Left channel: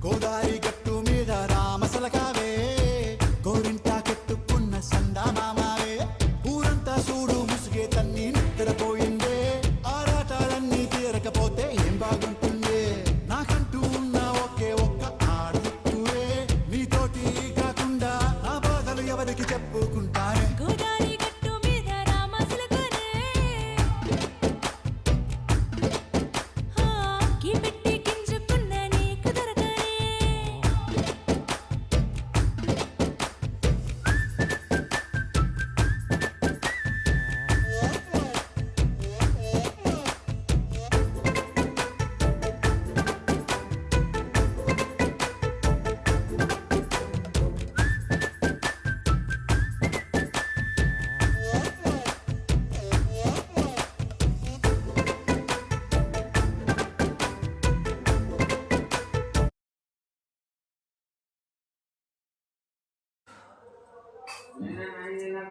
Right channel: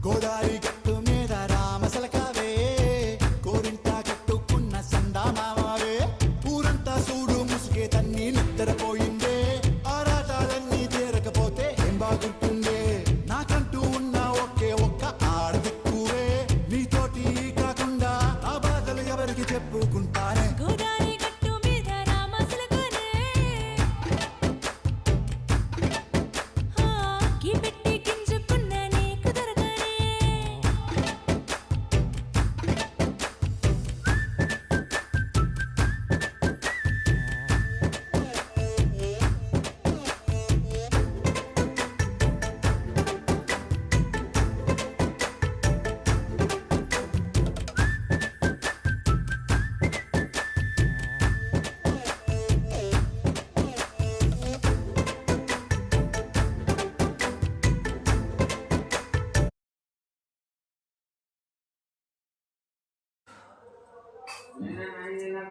గోదారి గట్టు మీద రామసలకావే గోరింటా కట్టుకున్న సందామావే ఊరంతా చూడు ముసుగే తన్ని నిద్రపోయిందే ఆరాటాలన్నీ తీరకపోతే ఏం బాగుంటుంది నాకంటూ ఉన్న ఒకే ఒక్క ఆడదిక్కురే నీతోటి కాకుండా నా బాధలు ఎవరికి చెప్పుకుంటారే గోదారి గట్టు మీద రామసలకానే కీ పెట్టి గింజుకున్న నీకు దొరకనే